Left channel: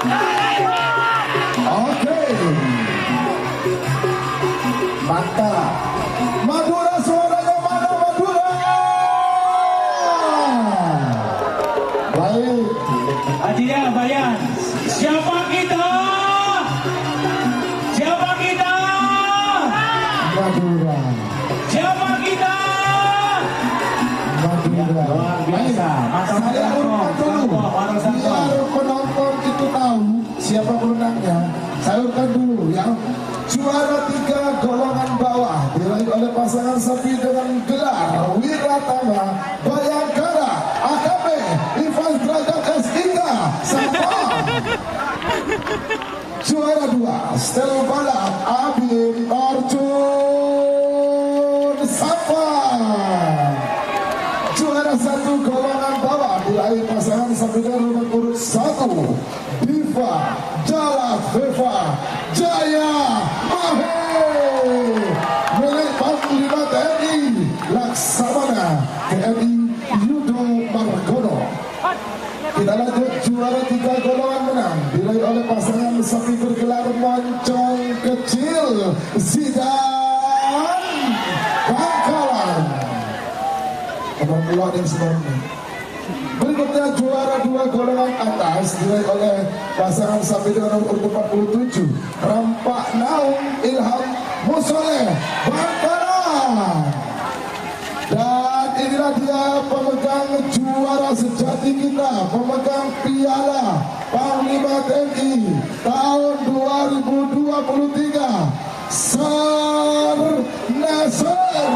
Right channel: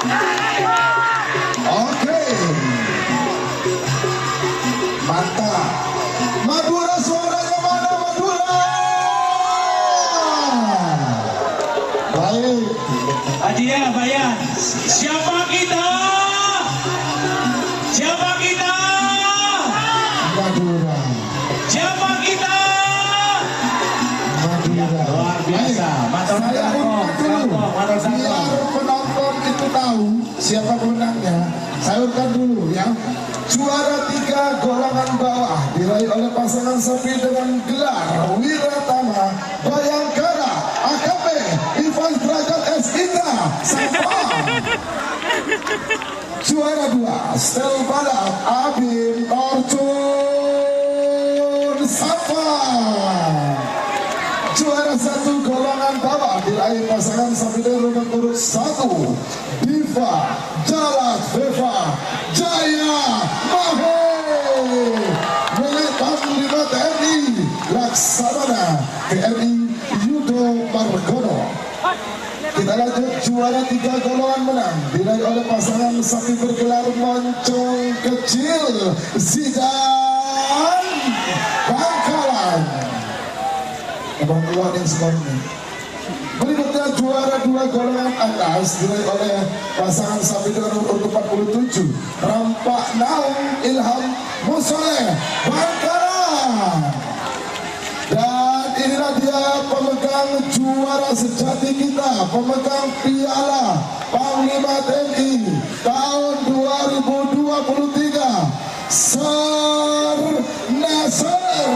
Oke, mantap. Madura, suaranya mana Madura? Baik. Adia, Bayan, siapa kita? Siapa kita? Madura. Siapa kita? Madura. Luar biasa. Saya urutkan dulu. Biar penonton itu tahu siapa pemenangnya. Saya urutkan dulu ya. Juara 3 golongan bawah diraih oleh pasangan sepi dengan gelar Wiratama Bayangkara AKP Ivan Derajat S3 Sabah. Juara 2 Stel Balap Abim Orjun Sabah. Juara 1 golongan bawah diraih pasangan sepi dengan nomor urut 1 Diva Jalat Beva Jaya Mahe milik Panglima TNI Laksamana TNI Yudo Margono. Kita lanjut, juara 3 golongan menang diraih oleh pasangan sapi bergelar moncong kecil Zidan Bangkalan. Abang keluar yang sebelumnya. Berikutnya juara 2 golongan atas diraih oleh pasangan sapi dengan nomor urut 47 Rampak Naung Ilham Musoleh Bangkalan. Dan inilah dia pemegang juara sejati kita, pemegang piala Panglima TNI tahun 2023 Sar Nasir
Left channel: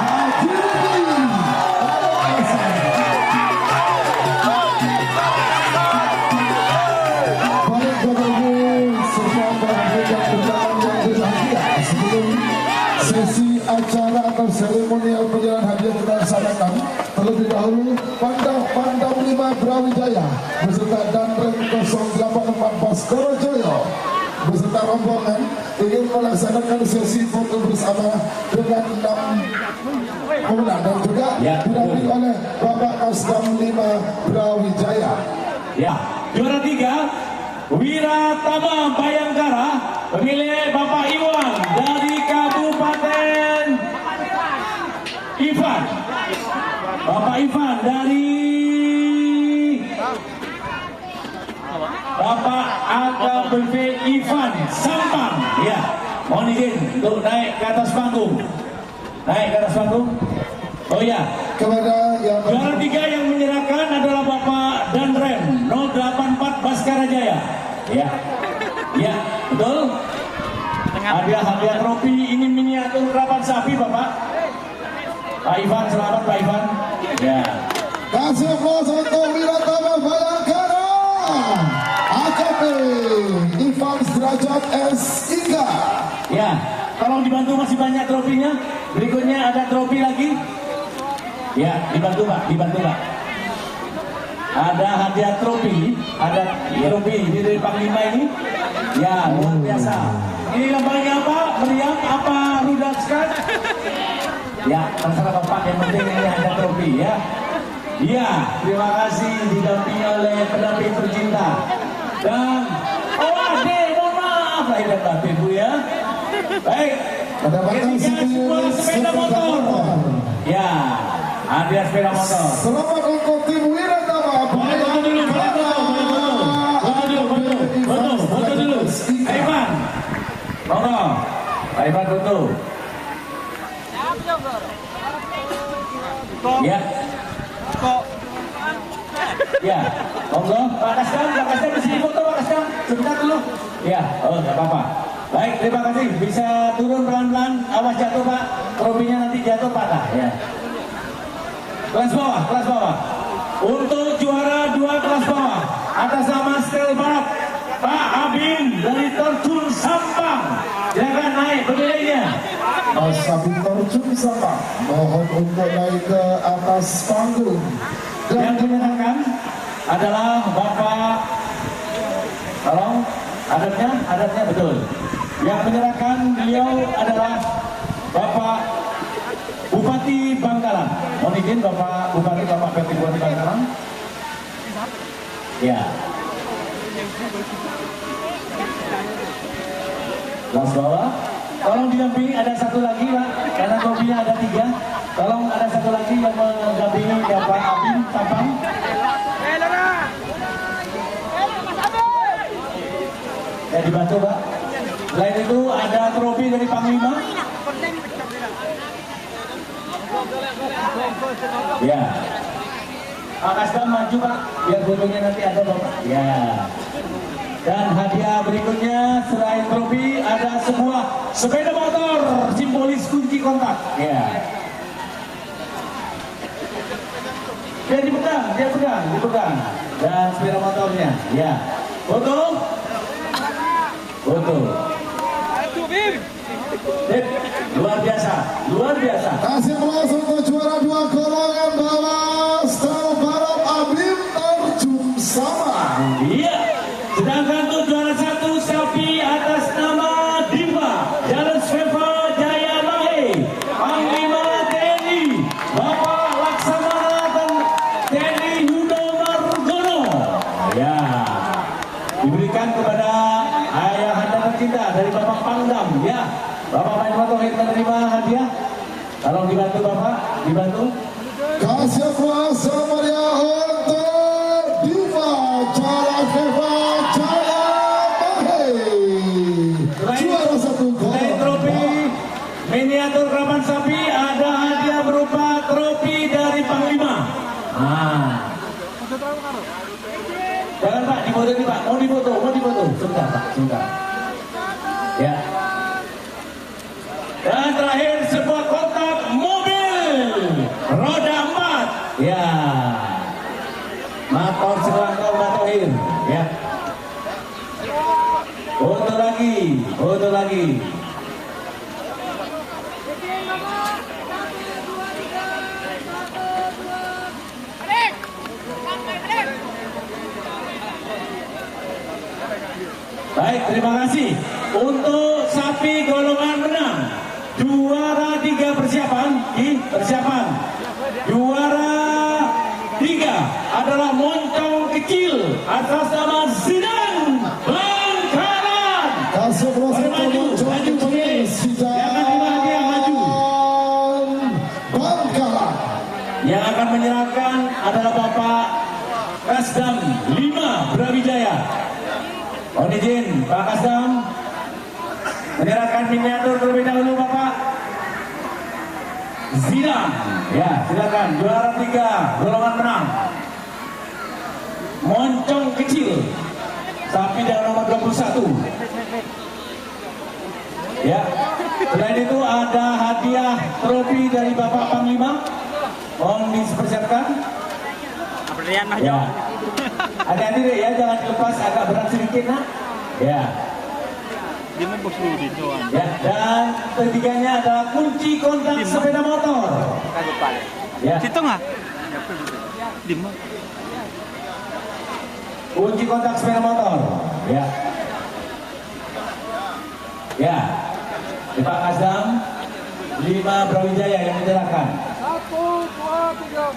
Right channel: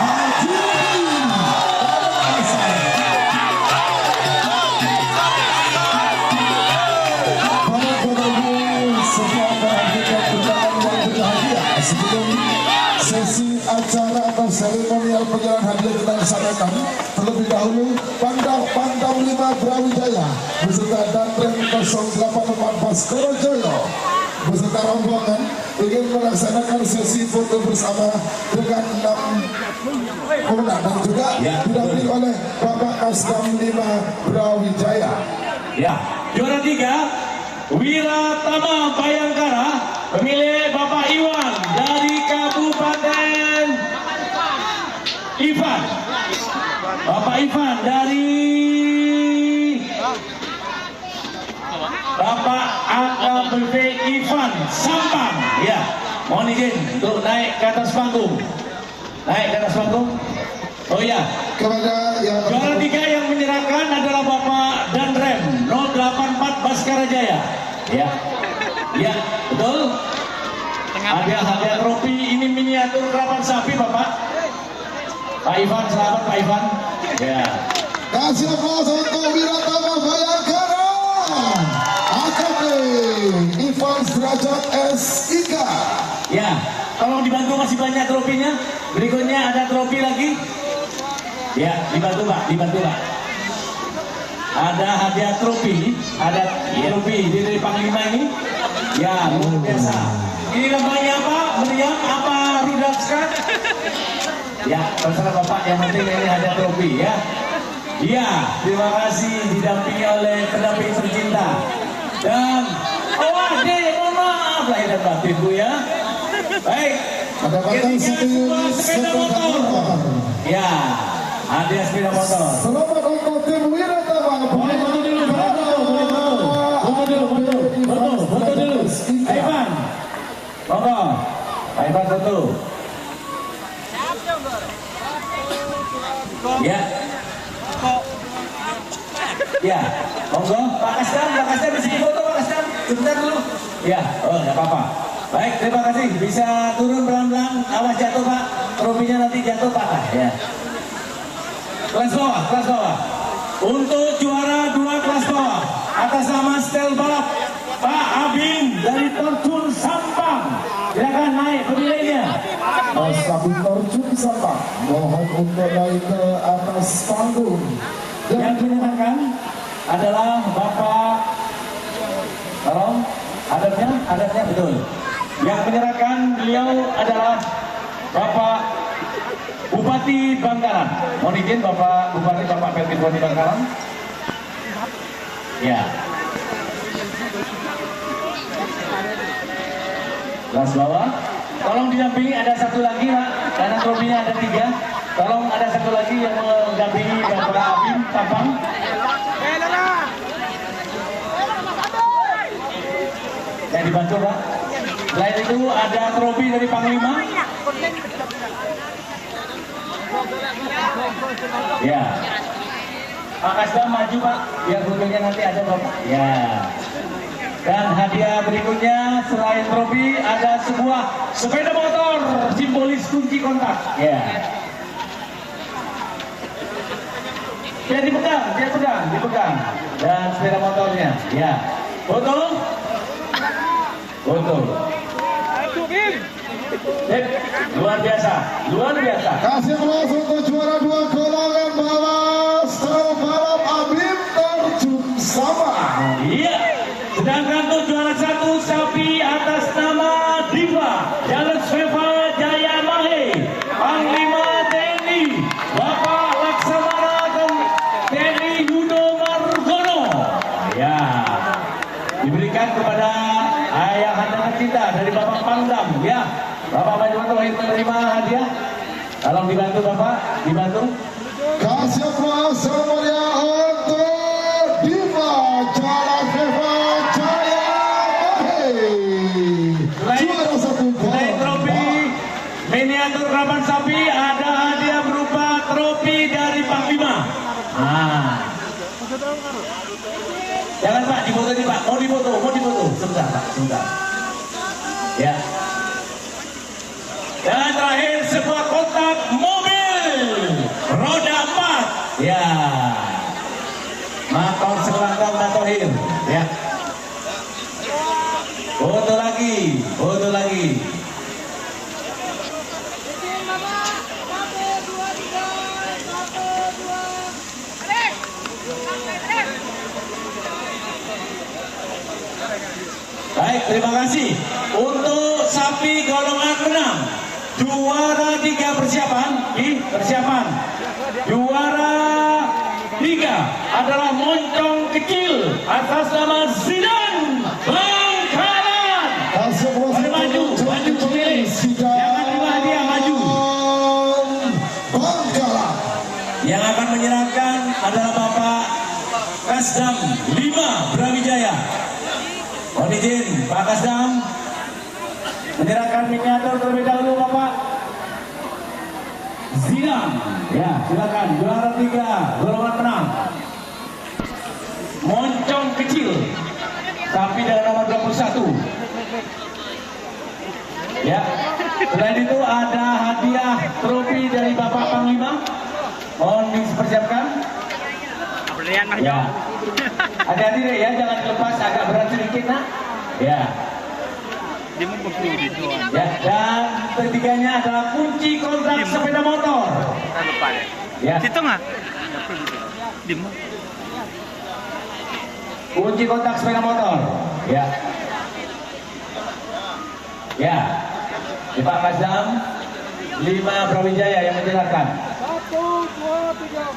Hadi. Sesi acara atau seremonial penyerahan hadiah kita laksanakan. Terlebih dahulu Pandang 5 Brawijaya beserta Danrem 084 Baskoro Joyo beserta rombongan ingin melaksanakan sesi foto bersama dengan 6 pemenang dan juga didampingi oleh Bapak Kasdam 5 Brawijaya. Ya, juara 3 Wiratama Bayangkara pemilik Bapak Iwan dari Kabupaten Ivan. Bapak Ivan dari Bapak AKBP Ivan Sampang. Ya, mohon izin untuk naik ke atas panggung. Naik ke atas panggung. Oh ya, Kepada yang juara 3 yang menyerahkan adalah Bapak Danrem 084 Baskara Jaya. Ya, ya, betul. Hadiah trofi ini miniatur rapat sapi Bapak. Pak Ivan, selamat Pak Ivan. Ya. kasih aplaus untuk Wiratama Bayangkara AKP Ivan Derajat S3. Ya, tolong dibantu, masih banyak trofinya. Berikutnya ada trofi lagi. Ya, dibantu Pak, dibantu Pak. Ada hadiah trofi, ada trofi dari Panglima ini. Ya, luar biasa. Ini lembaganya apa? Meriam apa Rudapska? Ya, terserah Bapak, yang penting ini ada trofi ya. Iya, terima kasih didampingi oleh pendamping tercinta. Dan mohon maaf lahir dan batin Bu ya. Baik. Ada batang Sebuah sepeda motor. Ya, hadiah sepeda motor. Selamat untuk tim Wiratama Bayangkara. Ivan, monggo. Pak Ivan tutup. Ya. Ya, monggo. Pak Kasdam bisa foto Pak Kasdam. Sebentar dulu. Ya, oh nggak apa-apa. Baik, terima kasih. Bisa turun pelan-pelan. Awas jatuh Pak. Trofinya nanti jatuh Pak. Ya. Kelas bawah. Untuk juara 2 kelas bawah atas nama Stelbat Pak Abim dari Terjun Sampang. Silakan naik pemilihnya. Mas Abim Orjun Sampang mohon untuk naik ke atas panggung. Yang menyatakan adalah Bapak, tolong adatnya betul. Yang menyerahkan beliau adalah Bapak Bupati Bangkalan. Mohon izin Bapak Bupati, Bapak Bupati Bangkalan. Ya. Kelas bawah. Tolong didampingi, ada satu lagi Pak, karena trofinya ada 3. Tolong ada satu lagi yang mendampingi Bapak Abim Tapang. Ya dibantu Pak. Selain itu ada trofi dari Panglima. Ya. Pak Kasdam maju Pak, biar fotonya nanti ada Bapak. Ya. Dan hadiah berikutnya selain trofi ada sebuah sepeda motor simbolis kunci kontak. Ya. Dia dipegang. Dan sepeda motornya. Ya. Foto. Luar biasa. Kasih kelas untuk juara 2 kalangan bawah Style Balap Abim terjun sama. Iya. Sedangkan untuk juara 1 sapi atas nama Diva Jalan Sveva Jaya Mahe, Panglima TNI Bapak Laksamana TNI Yudo Margono. Ya. Diberikan kepada ayah anda tercinta dari Bapak Pangdam. Ya. Bapak Manjumato menerima hadiah. Tolong dibantu Bapak, dibantu. Kasih kelas semuanya untuk Diva Jalan Sveva Jaya Mahe. Juara 1 Selain trofi miniatur kerapan sapi, ada hadiah berupa trofi dari Panglima. Nah, jangan Pak, difoto nih Pak. Mau difoto. Sebentar Pak, sebentar. Ya. Dan terakhir sebuah kotak mobil roda 4. Ya. Motor selangkau Matohir. Ya. Foto lagi. Baik, terima kasih. Untuk sapi golongan 6, juara 3 persiapan. Juara 3 adalah moncong kecil atas nama Zidan Bangkalan. Kasih kelas Maju pemilih. Yang menerima hadiah maju. Bangkalan. Yang akan menyerahkan adalah Bapak Kasdam 5 Brawijaya. Mohon izin Pak Kasdam menyerahkan miniatur terlebih dahulu Bapak Zinam. Ya, silakan juara 3 golongan 6. Moncong kecil sapi dengan nomor 21. Ya. Selain itu ada hadiah trofi dari Bapak Panglima. Mohon dipersiapkan. Ya. Hati-hati deh ya, jangan dilepas, agak berat sedikit nak. Ya. Ya, dan ketiganya adalah kunci kontak sepeda motor. Ya. Kunci kontak sepeda motor. Ya. Ya. Pak Kasdam 5 Brawijaya yang menyerahkan. 1, 2, 3.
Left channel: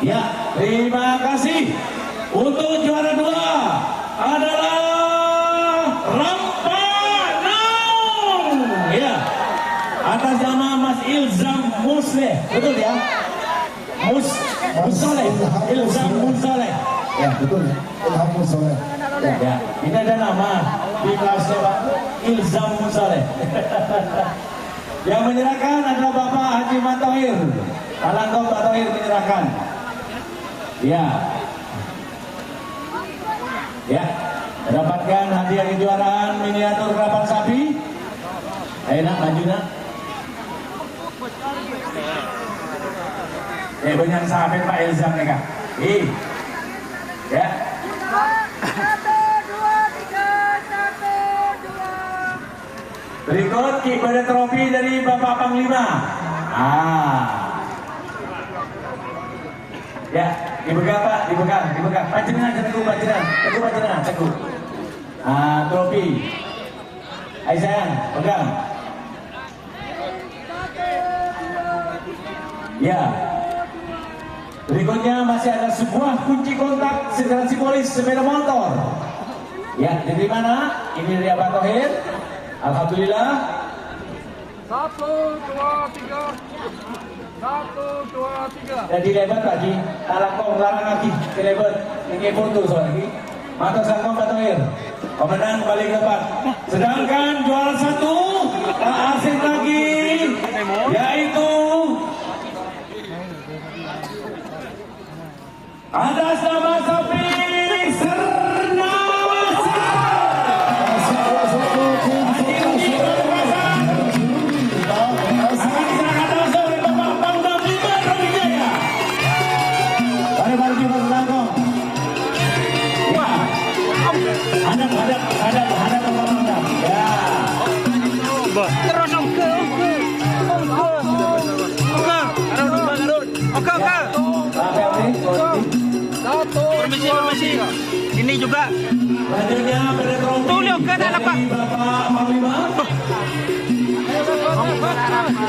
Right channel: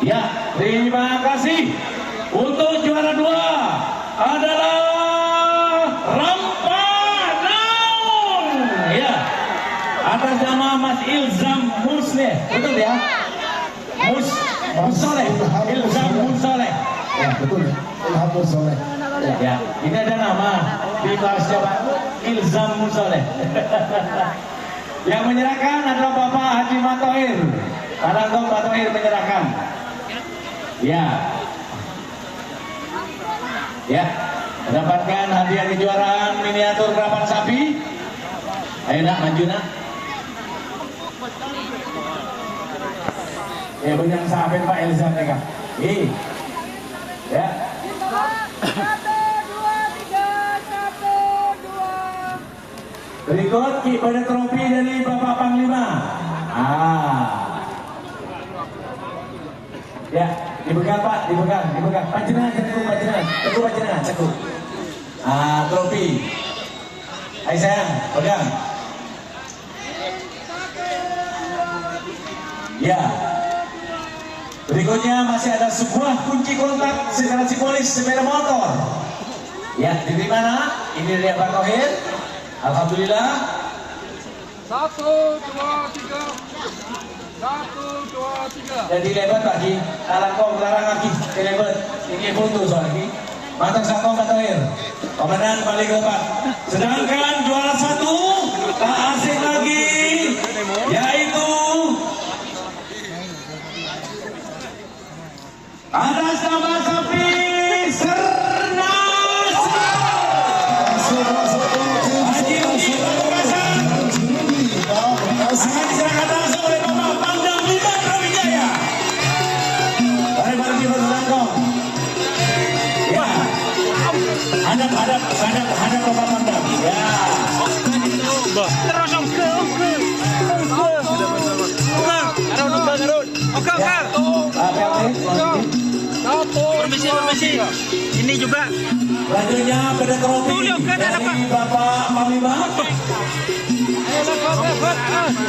Ya, terima kasih. Untuk juara 2 adalah Rampanaung. Ya, atas nama Mas Ilzam Musleh, betul ya? Ilzam Musleh. Ya, betul. Ilham Musoleh. Ya, ini ada nama di kelasnya Pak Ilzam Musleh. Yang menyerahkan adalah Bapak Haji Matohir. Alangkong Matohir menyerahkan. Ya. Ya. Mendapatkan hadiah kejuaraan miniatur kerapan sapi. Ayo nak, maju nak. Banyak sahabat Pak Ilzam mereka. Ya. 1, 2, 3. 1, 2. Berikut kepada trofi dari Bapak Panglima. Ya, dipegang Pak, dipegang. Panjenengan panjenengan. Trofi. Ayo sayang, pegang. Ya. Berikutnya masih ada sebuah kunci kontak secara simbolis sepeda motor. Ya, dari mana? Ini dari Pak Tohir. Alhamdulillah. 1, 2, 3. 1, 2, 3. Jadi lebar lagi, larang lagi, lebar. Ini foto lagi. Mata sangkong Pak Tohir. Komandan paling depan. Sedangkan juara 1 tak asing lagi, yaitu atas nama sapi Sernasa. Terus Oke. Permisi. Ini juga. Selanjutnya pada trofi Tuh, kan anak Pak. dari Bapak Panglima.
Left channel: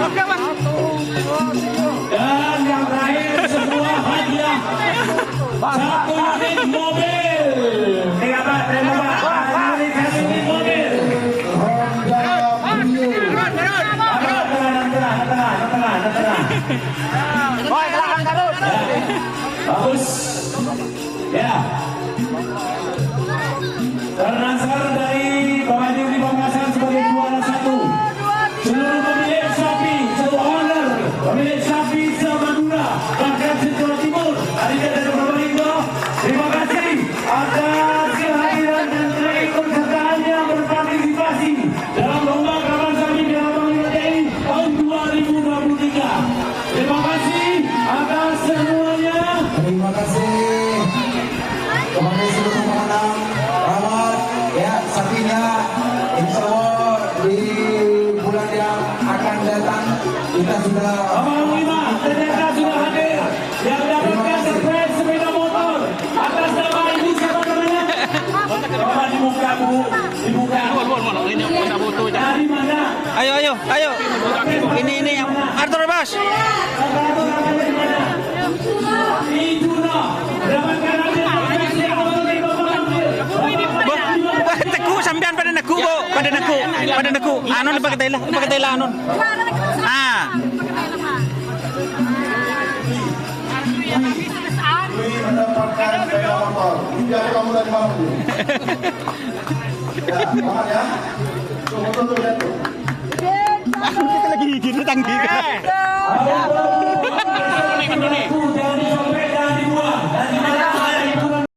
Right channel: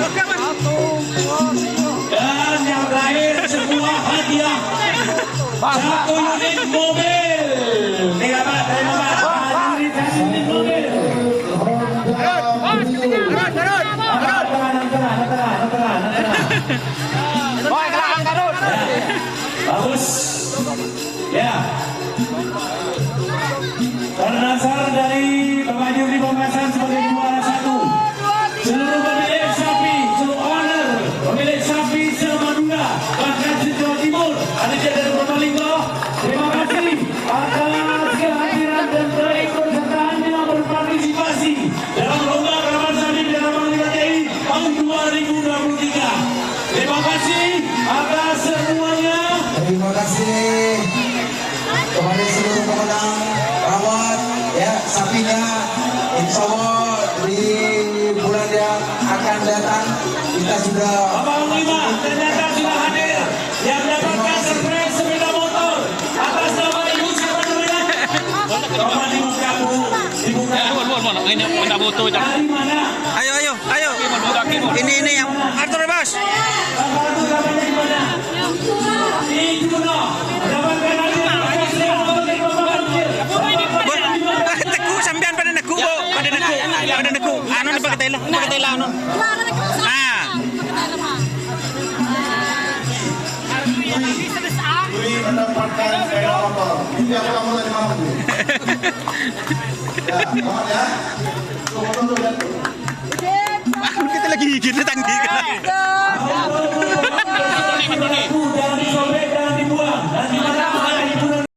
Oke, Mas. Dan yang terakhir sebuah hadiah. Satu unit mobil. Nih Pak, terima Pak. Satu unit mobil. Boy, kelakang Garut. Bagus. Ya. Ternasar dari Bapak Jurdi Pembahasan sebagai juara 1. Seluruh pemilik sapi, seluruh owner, pemilik sapi se-Madura, bahkan se-Jawa Timur, ada dari Probolinggo. Terima kasih atas kehadiran dan keikut sertaannya berpartisipasi dalam lomba karavan sapi dan Panglima TNI tahun 2023. Terima kasih atas semuanya. Terima kasih kepada seluruh pemenang rawat ya sapinya, insya Allah di bulan yang akan datang kita sudah Bapak Panglima ternyata sudah hadir yang dapatkan surprise sepeda motor atas nama ibu siapa namanya? Bapak dibuka Bu, dibuka. Dari mana? Ayo. Ini yang Arthur, Bos. Bapak itu namanya di mana? Di Juno. Dapatkan hadiah sepeda motor dari Bapak Panglima. Teku sampean pada neku, Bo. Pada neku. Anu pakai tela anu. Ah. Ini mendapatkan sepeda motor. Ini aku kamu tadi malam tuh. Ya, selamat ya. Tunggu lihat tuh. Kita lagi gini tanggi kan. Jangan disobek, jangan dibuang. Dan di mana